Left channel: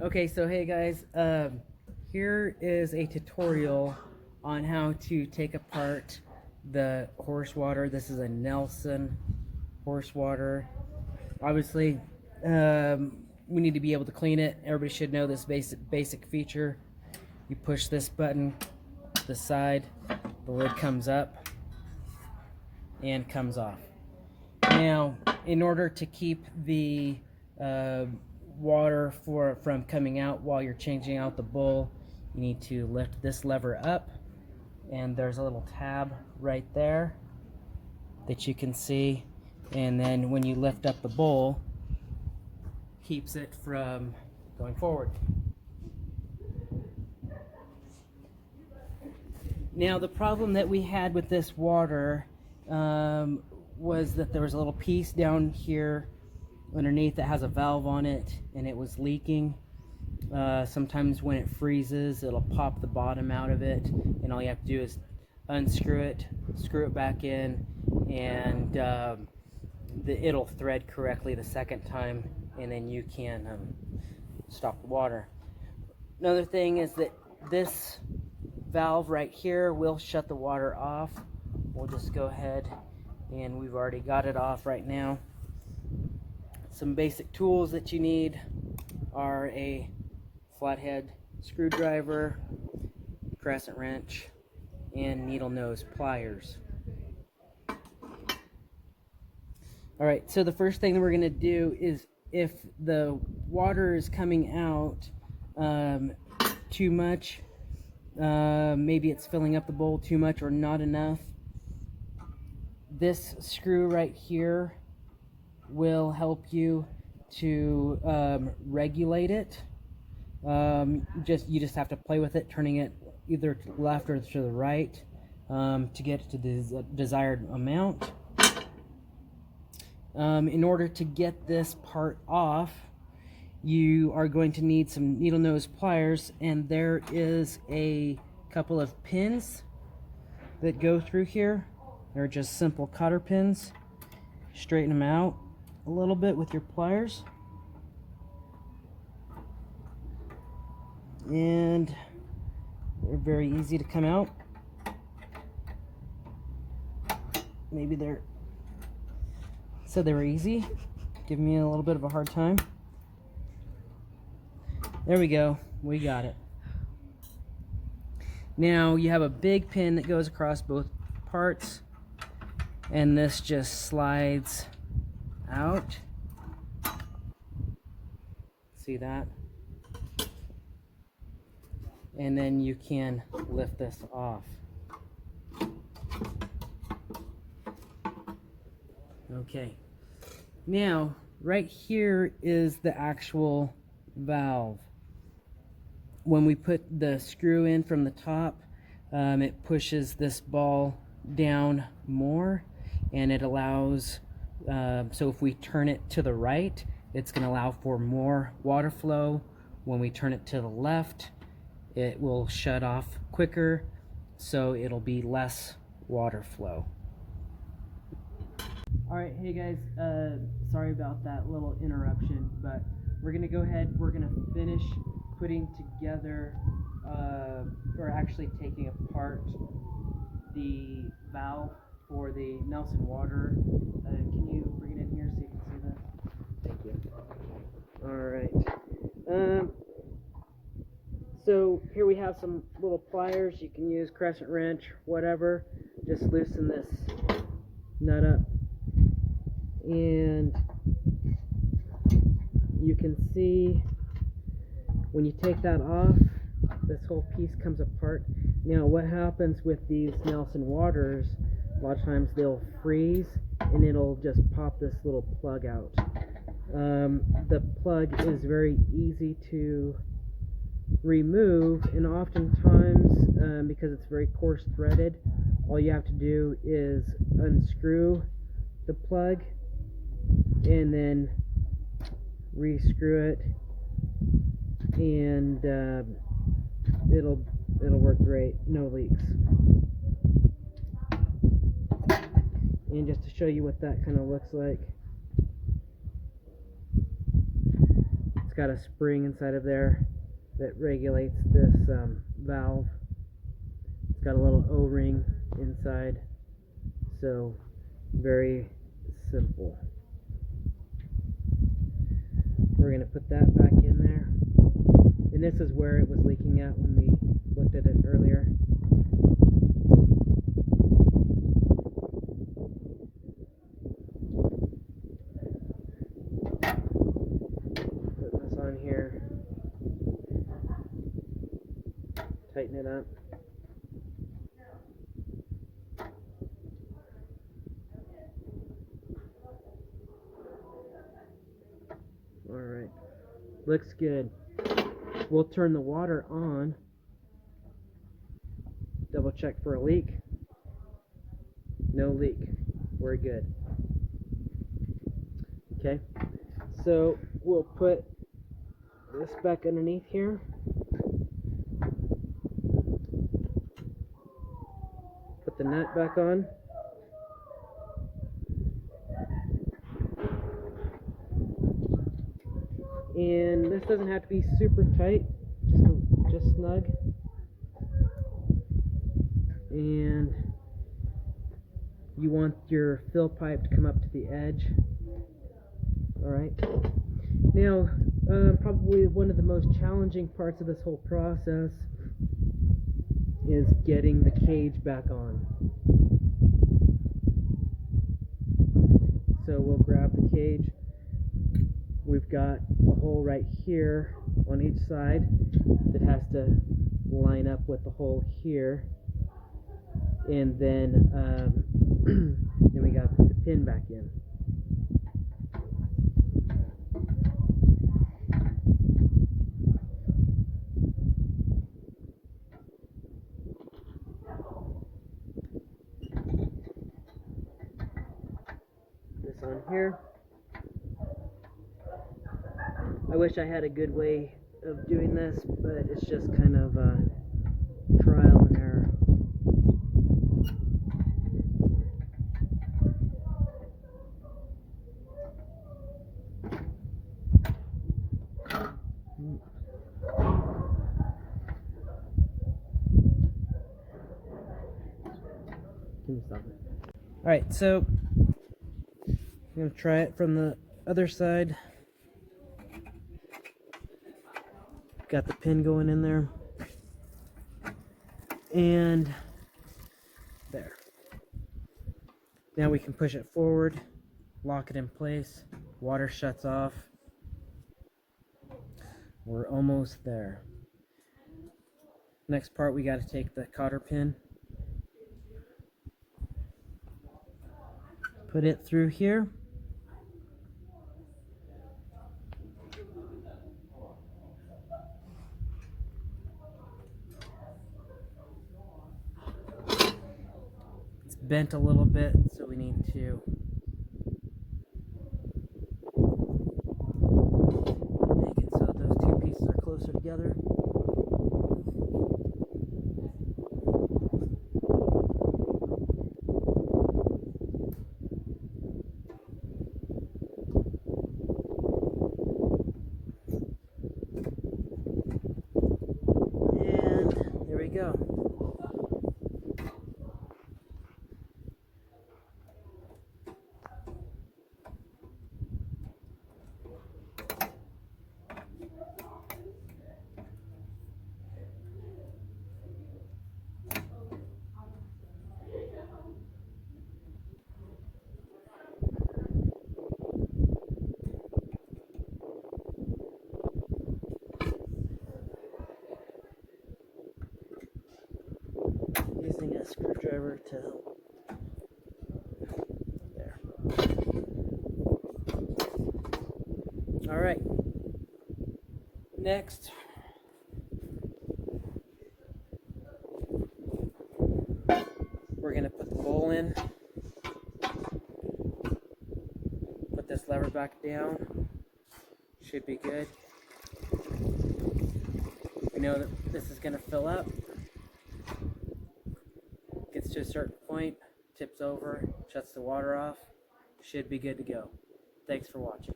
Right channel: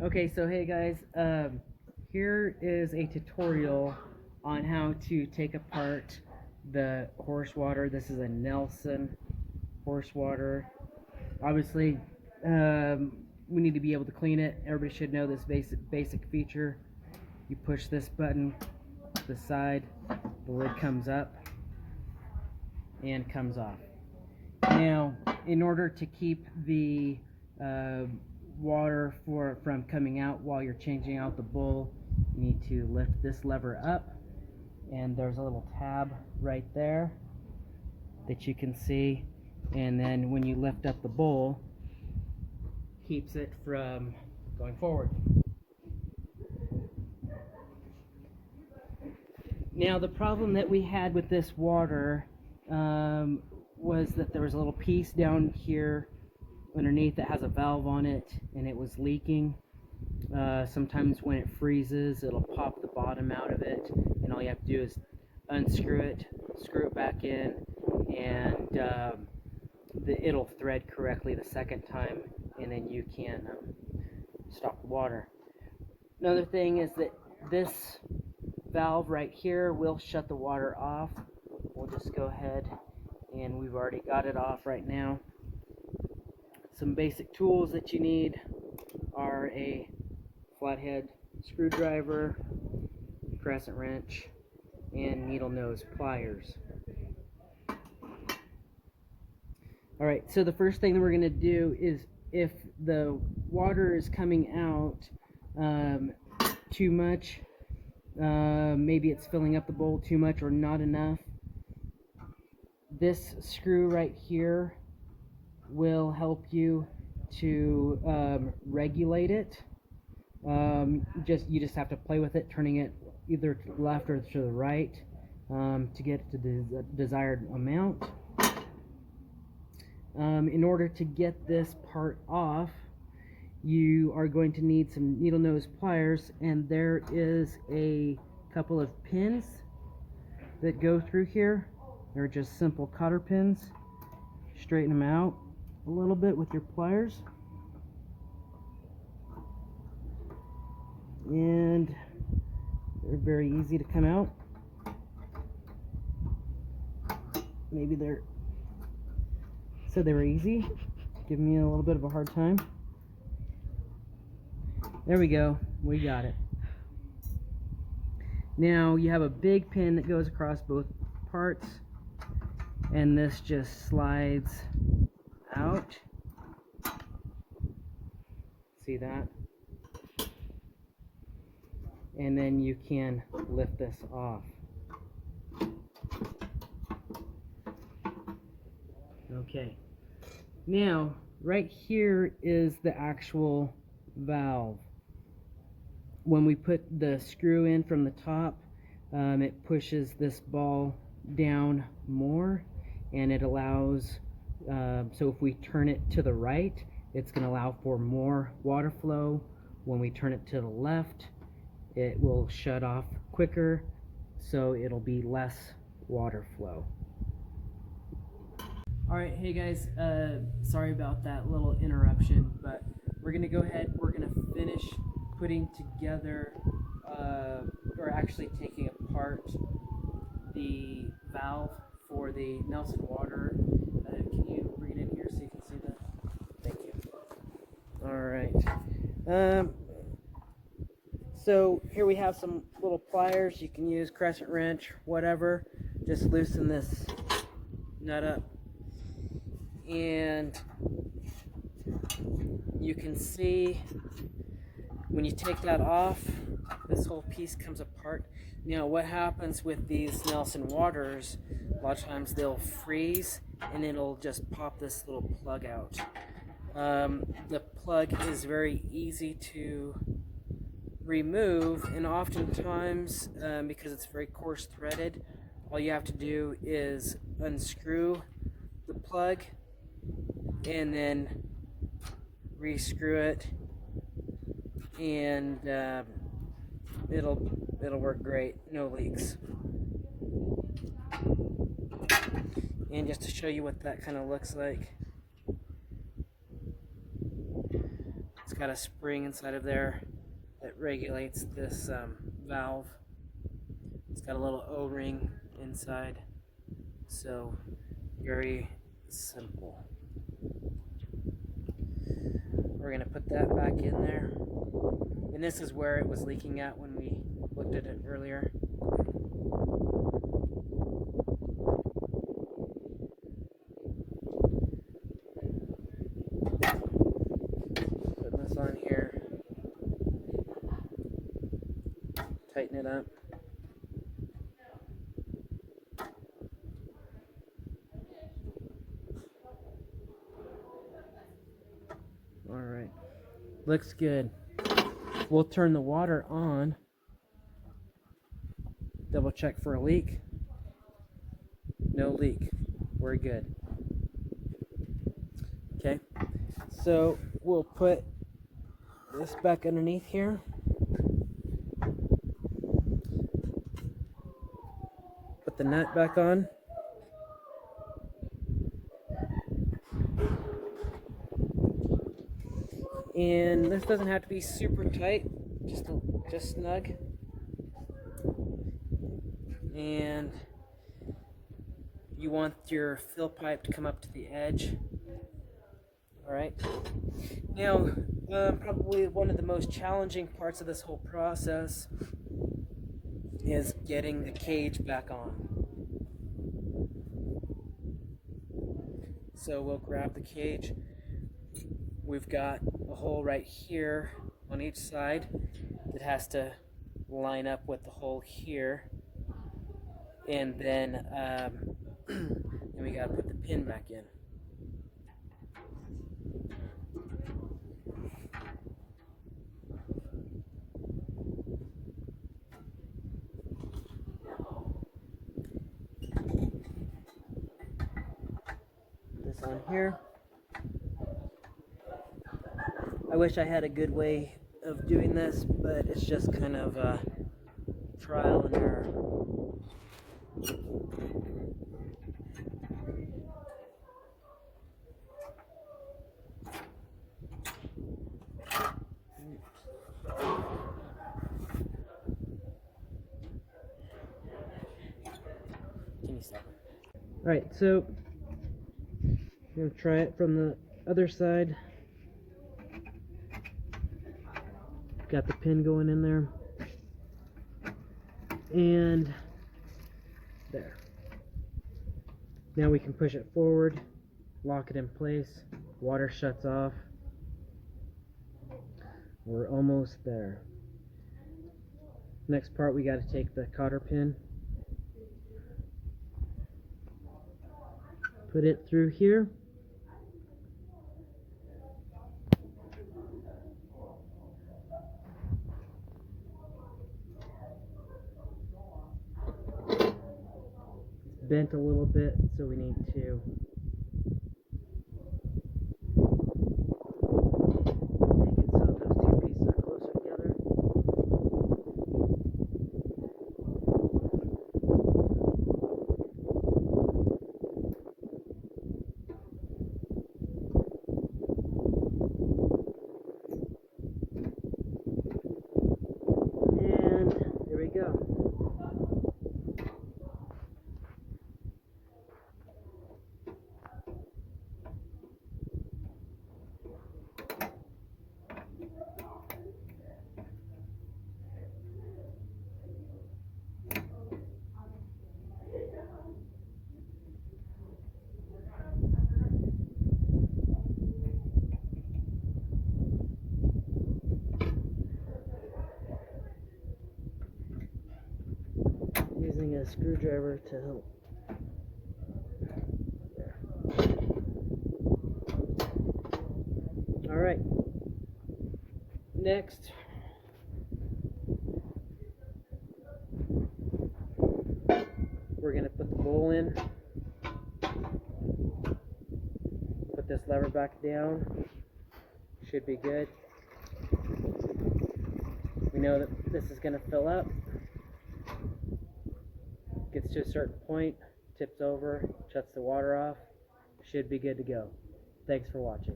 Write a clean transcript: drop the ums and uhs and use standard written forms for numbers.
Okay, so hey guys, here is a tutorial on how to take apart the horse water. This is a Nelson horse water. Obviously, we need to be able to clean it. Everybody should know this basic feature. You push this button to the side, the lid comes up and comes off. Now, in order to keep the water from coming out while you're changing out the bowl, you need to lift this lever up, and there's a little tab right there that you can see, and then when you lift up the bowl, keeps it from going forward. Now the problem that we had with this water was that there was a little piece down here underneath that has a valve on it, and it was leaking. Sometimes when it freezes, it'll pop the bottom out of it, and all you have to do is unscrew it, screw it back in, and it'll thread correctly the second time, and then you can stop the water. Another thing is that this valve right here will shut the water off. We'll just go ahead, and we've already got it off right now. Some basic tools that you need are a flathead screwdriver, crescent wrench, and needle nose pliers. Alright, so the first thing that we're going to do is, if the water is coming out too much, maybe it's filling up the bowl too much or not enough, this screw right here will help you to regulate it. You just have to play with it, turning it either to the left or to the right to get it to the desired amount. In order to get this part off, you are going to need some needle nose pliers, and there is a couple of pins that go through here. They're just simple cotter pins. Straighten them out a little bit with your pliers, and they're very easy to come out. Maybe they're said they were easy, giving me a little bit of a hard time. There we go, we got it. Now you have a big pin that goes across both parts, and this just slides out. See that? And then you can lift this off. Okay. Now, right here is the actual valve. When we put the screw in from the top, it pushes this ball down more, and it allows, so if we turn it to the right, it's going to allow for more water flow. When we turn it to the left, it will shut off quicker, so it'll be less water flow. Alright, hey guys, sorry about that little interruption, but we're going to go ahead, we're going to finish putting together, or actually taking apart the valve for the Nelson water. Can you bring it in here so you can see that? Thank you. Alright. So here we have some little pliers. You can use crescent wrench, whatever. Just loosen this nut up, and you can see when you take that off, this whole piece comes apart. Now what happens with these Nelson waters, a lot of times they'll freeze and it'll just pop this little plug out. The plug is very easy to remove, and oftentimes because it's very coarse threaded, all you have to do is unscrew the plug and then rescrew it, and it'll work great, no leaks. And just to show you what that kind of looks like, it's got a spring inside of there that regulates this valve. It's got a little O-ring inside, so very simple. We're going to put that back in there, and this is where it was leaking at when we looked at it earlier. Put this on here, tighten it up. Alright, looks good. We'll turn the water on, double check for a leak. No leak, we're good. Okay, so we'll put this back underneath here. Put the nut back on. And this doesn't have to be super tight, just snug. And you want your fill pipe to come up to the edge. Alright. Now, probably one of the most challenging parts of this whole process is getting the cage back on. So we'll grab the cage. We've got a hole right here on each side that has to line up with the hole here, and then then we got to put the pin back in. This on here. I wish I had a good way of doing this, but it's just kind of trial and error. Can you stop it? Alright, so I'm going to try it from the other side. Got the pin going in there, and there. Now we can push it forward, lock it in place, water shuts off. We're almost there. Next part, we got to take the cotter pin, put it through here. Bent a little bit, so we need to make it so those two pieces are closer together. And there we go. Using a screwdriver to help. There. All right. Next, we're going to put the bowl in. Put this lever back down. Should be good. We know that this is going to fill up. Gets to a certain point, tips over, shuts the water off. Should be good to go. Thanks for watching.